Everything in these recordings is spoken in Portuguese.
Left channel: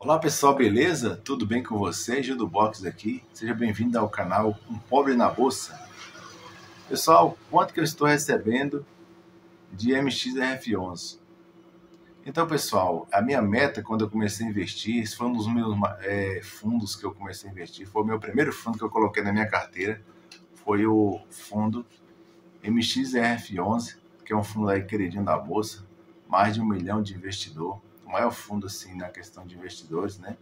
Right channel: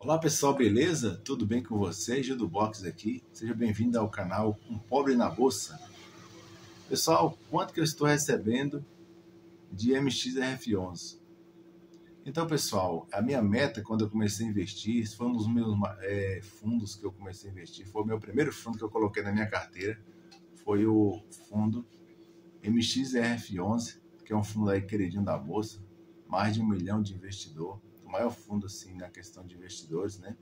Olá pessoal, beleza? Tudo bem com vocês? Gil do Box aqui. Seja bem-vindo ao canal Um Pobre na Bolsa. Pessoal, quanto que eu estou recebendo de MXRF11? Então, pessoal, a minha meta quando eu comecei a investir, esse foi um dos meus fundos que eu comecei a investir, foi o meu primeiro fundo que eu coloquei na minha carteira, foi o fundo MXRF11, que é um fundo aí queridinho da Bolsa, mais de 1 milhão de investidor, o maior fundo assim na questão de investidores, né?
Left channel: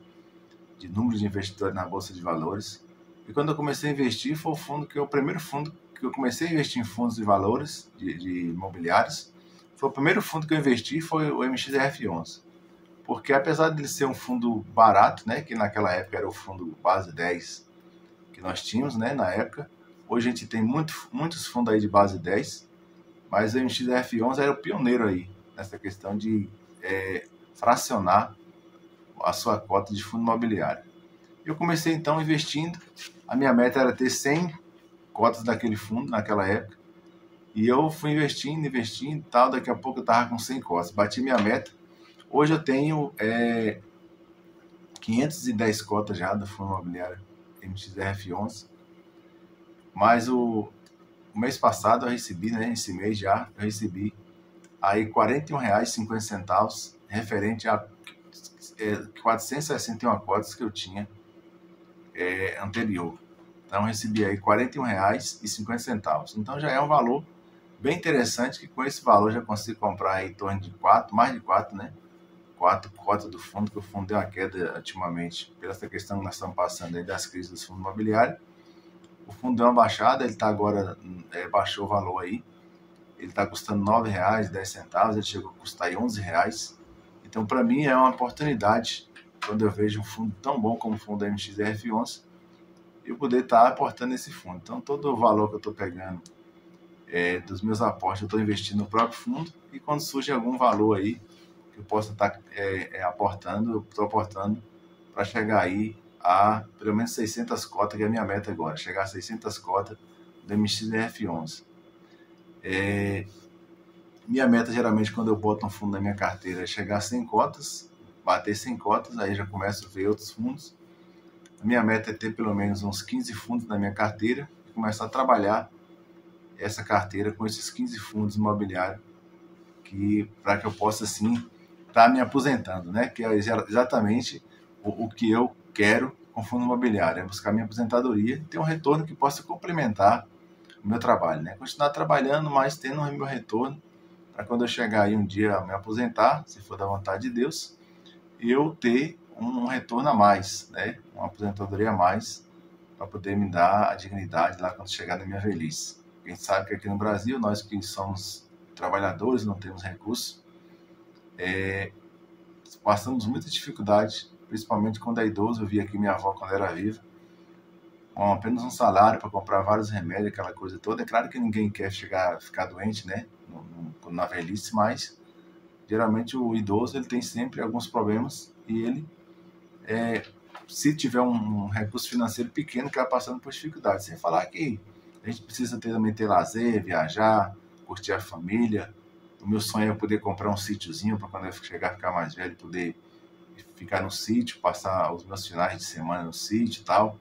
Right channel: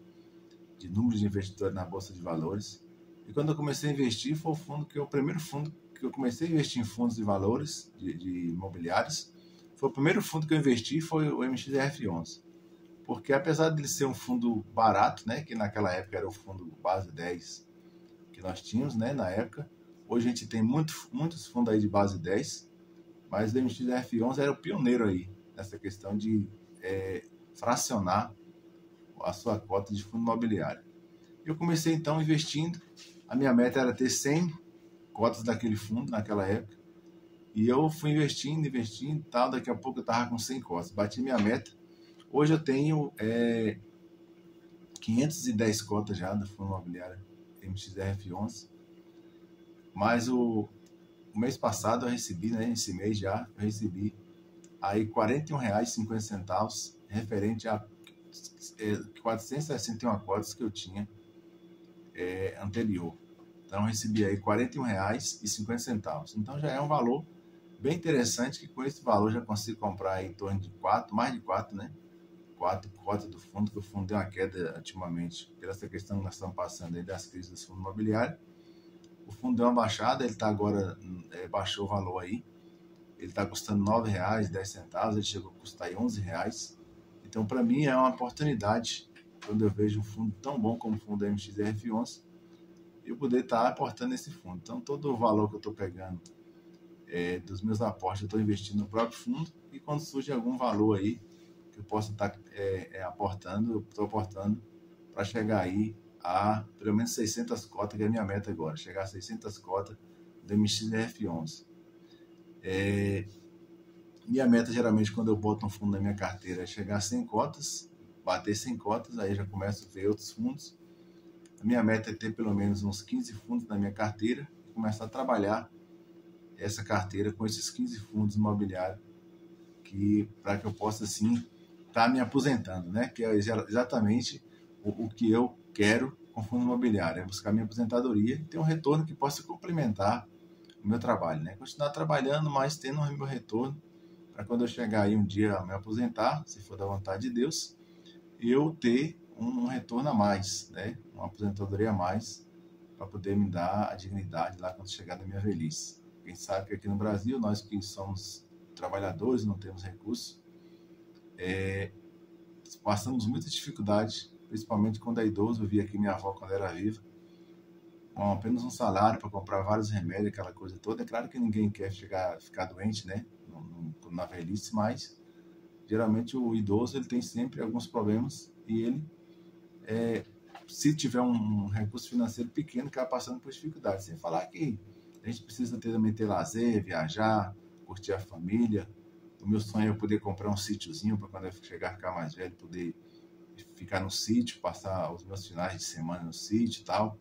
De número de investidores na Bolsa de Valores. E quando eu comecei a investir, foi o primeiro fundo que eu comecei a investir em fundos de valores, de imobiliários. Foi o primeiro fundo que eu investi, foi o MXRF11. Porque apesar de ele ser um fundo barato, né, que naquela época era o fundo base 10 que nós tínhamos, né, na época. Hoje a gente tem muitos fundos aí de base 10, mas o MXRF11 era o pioneiro aí nessa questão de fracionar a sua cota de fundo imobiliário. Eu comecei então investindo, a minha meta era ter 100 cotas daquele fundo naquela época, e eu fui investindo e tal, daqui a pouco eu estava com 100 cotas, bati minha meta. Hoje eu tenho 510 cotas já do fundo imobiliário MXRF11, mas o mês passado eu recebi, né, esse mês já, eu recebi aí R$ 41,50 referente a 461 cotas que eu tinha anterior. Então eu recebi aí R$ 41,50. Então já é um valor bem interessante, que com esse valor já consigo comprar aí em torno de 4, mais de 4, né? 4 cotas do fundo, que o fundo deu uma queda ultimamente, pela essa questão que nós estamos passando aí das crises do fundo imobiliário. O fundo deu uma baixada, ele está agora, baixou o valor aí, ele está custando R$ 9,10, ele chegou a custar aí R$ 11. Então para mim é uma oportunidade, quando eu vejo um fundo tão bom como o fundo da MXRF11, eu poder estar aportando nesse fundo. Então, todo o valor que eu estou pegando dos meus aportes, eu estou investindo no próprio fundo, e quando surge algum valor aí que eu possa estar aportando, eu estou aportando para chegar aí a pelo menos 600 cotas, que é a minha meta agora, chegar a 600 cotas do MXRF11. Minha meta, geralmente, quando eu boto um fundo na minha carteira, é chegar a 100 cotas, bater 100 cotas, aí já começo a ver outros fundos. A minha meta é ter pelo menos uns 15 fundos na minha carteira e começar a trabalhar essa carteira com esses 15 fundos imobiliários, para que eu possa, assim, estar me aposentando, né? Que é exatamente o que eu quero com fundo imobiliário, é buscar minha aposentadoria e ter um retorno que possa complementar o meu trabalho, né? Continuar trabalhando, mas tendo o meu retorno, para quando eu chegar aí um dia a me aposentar, se for da vontade de Deus, eu ter um retorno a mais, né? Uma aposentadoria a mais, para poder me dar a dignidade lá quando chegar na minha velhice. A gente sabe que aqui no Brasil, nós que somos trabalhadores, não temos recursos, passamos muita dificuldade, principalmente quando é idoso. Eu vi aqui minha avó quando era viva, com apenas um salário para comprar vários remédios, aquela coisa toda. É claro que ninguém quer ficar doente, né, na velhice, mas geralmente o idoso ele tem sempre alguns problemas, e ele, se tiver um recurso financeiro pequeno, acaba passando por dificuldades. Sem falar que a gente precisa também ter lazer, viajar, curtir a família. O meu sonho é poder comprar um sítiozinho para quando eu chegar a ficar mais velho, poder ficar no sítio, passar os meus finais de semana no sítio e tal.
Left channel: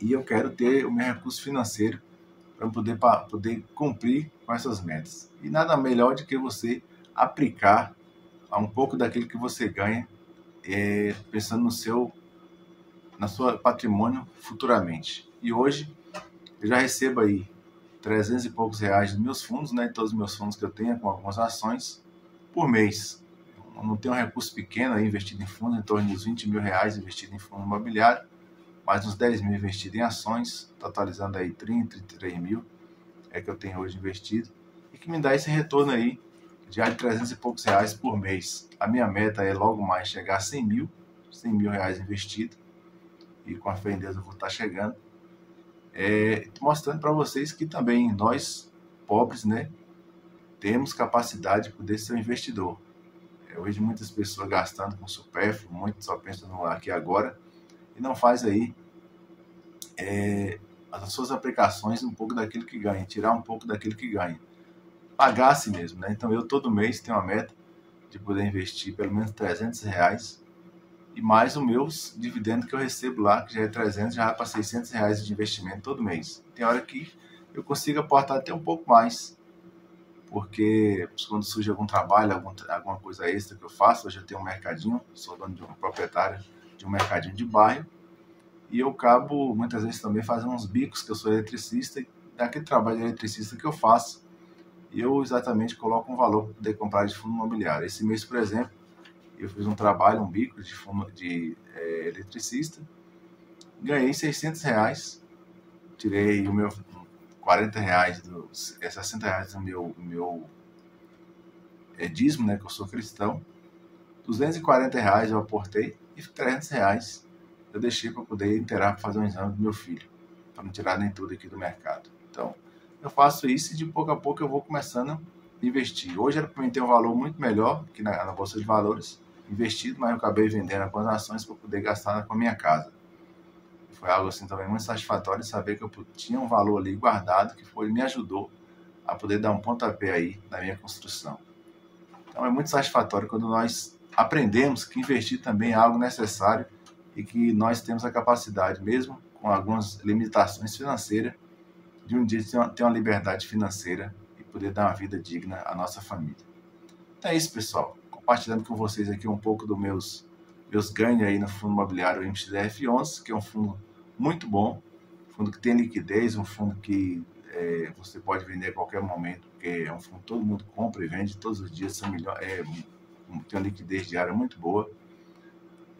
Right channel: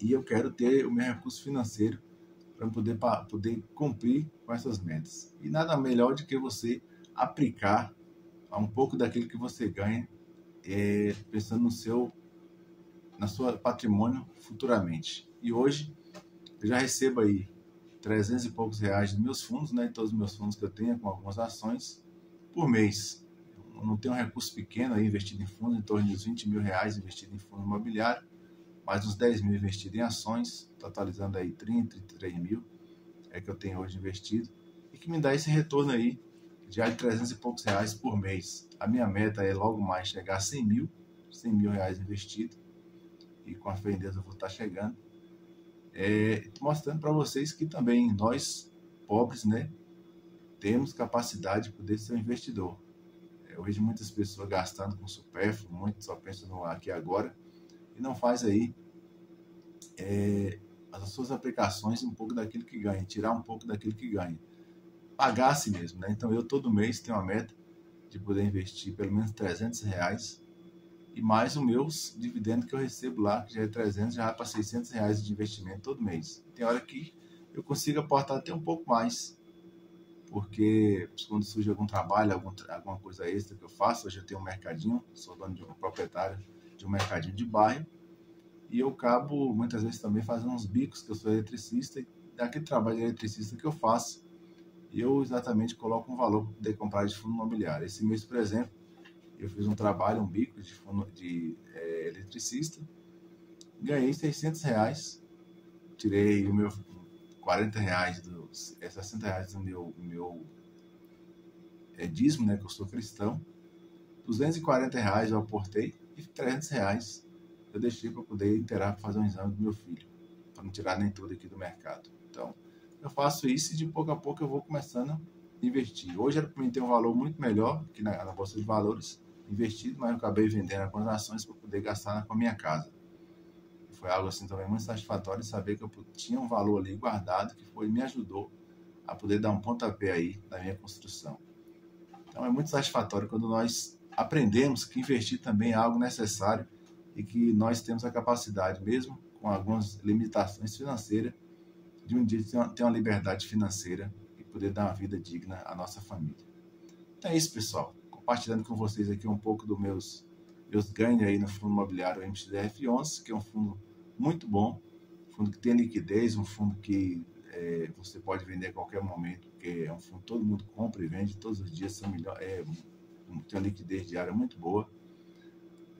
E eu quero ter o meu recurso financeiro para poder cumprir com essas metas. E nada melhor do que você aplicar a um pouco daquilo que você ganha, pensando na sua patrimônio futuramente. E hoje eu já recebo aí 300 e poucos reais dos meus fundos, né? Todos os meus fundos que eu tenho, com algumas ações, por mês. Eu não tenho um recurso pequeno aí investido em fundos, em torno de R$ 20 mil investido em fundo imobiliário, mais uns 10 mil investido em ações, totalizando aí 30, 33 mil que eu tenho hoje investido, e que me dá esse retorno aí já de 300 e poucos reais por mês. A minha meta é logo mais chegar a 100 mil reais investido, e com a fé em Deus eu vou estar chegando. Mostrando para vocês que também nós, pobres, né, temos capacidade de poder ser um investidor. Hoje muitas pessoas gastando com supérfluo, muitos só pensam no aqui e agora, e não faz aí as suas aplicações um pouco daquilo que ganha, tirar um pouco daquilo que ganha. Pagar a si mesmo, né? Então eu todo mês tenho uma meta de poder investir pelo menos R$ 300 e mais os meus dividendos que eu recebo lá, que já é 300, já vai para 600 reais de investimento todo mês. Tem hora que eu consigo aportar até um pouco mais, porque quando surge algum trabalho, alguma coisa extra que eu faço, hoje eu tenho um mercadinho, sou dono de um proprietário de um mercadinho de bairro, e eu acabo muitas vezes também fazendo uns bicos, que eu sou eletricista, e daquele trabalho de eletricista que eu faço, eu exatamente coloco um valor para poder comprar de fundo imobiliário. Esse mês, por exemplo, eu fiz um trabalho, um bico de fundo de eletricista, ganhei 600 reais, tirei o meu 40 reais, 60 reais do meu dízimo, né, que eu sou cristão, 240 reais eu aportei e 300 reais eu deixei para poder inteirar para fazer um exame do meu filho, para não tirar nem tudo aqui do mercado. Então, eu faço isso e de pouco a pouco eu vou começando a investir. Hoje era para mim ter um valor muito melhor que na Bolsa de Valores investido, mas eu acabei vendendo algumas ações para poder gastar com a minha casa. Foi algo assim também muito satisfatório saber que eu tinha um valor ali guardado que me ajudou a poder dar um pontapé aí na minha construção. Então é muito satisfatório quando nós aprendemos que investir também é algo necessário e que nós temos a capacidade, mesmo com algumas limitações financeiras, de um dia ter uma liberdade financeira e poder dar uma vida digna à nossa família. Então é isso, pessoal. Compartilhando com vocês aqui um pouco dos meus ganhos aí no fundo imobiliário MXDF11, que é um fundo muito bom, um fundo que tem liquidez, um fundo que você pode vender a qualquer momento, porque é um fundo que todo mundo compra e vende todos os dias, tem uma liquidez diária muito boa.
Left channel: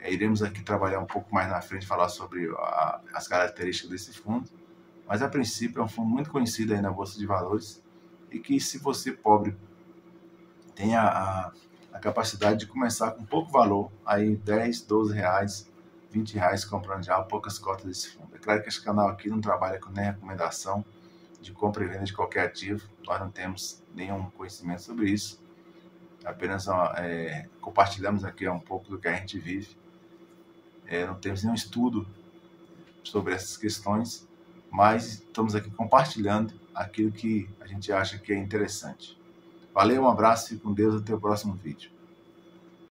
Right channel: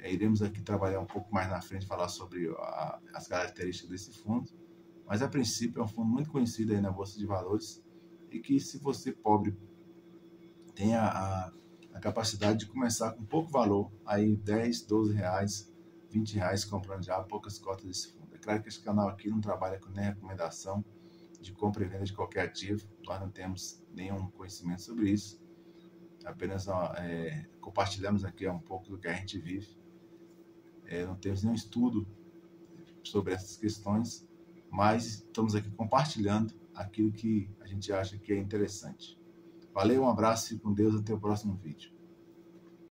Iremos aqui trabalhar um pouco mais na frente, falar sobre as características desse fundo, mas a princípio é um fundo muito conhecido aí na Bolsa de Valores e que, se você pobre tem a capacidade de começar com pouco valor, aí 10, 12 reais, 20 reais comprando já poucas cotas desse fundo. É claro que esse canal aqui não trabalha com nem recomendação de compra e venda de qualquer ativo, nós não temos nenhum conhecimento sobre isso, apenas compartilhamos aqui um pouco do que a gente vive, não temos nenhum estudo sobre essas questões, mas estamos aqui compartilhando aquilo que a gente acha que é interessante. Valeu, um abraço, fique com Deus, até o próximo vídeo.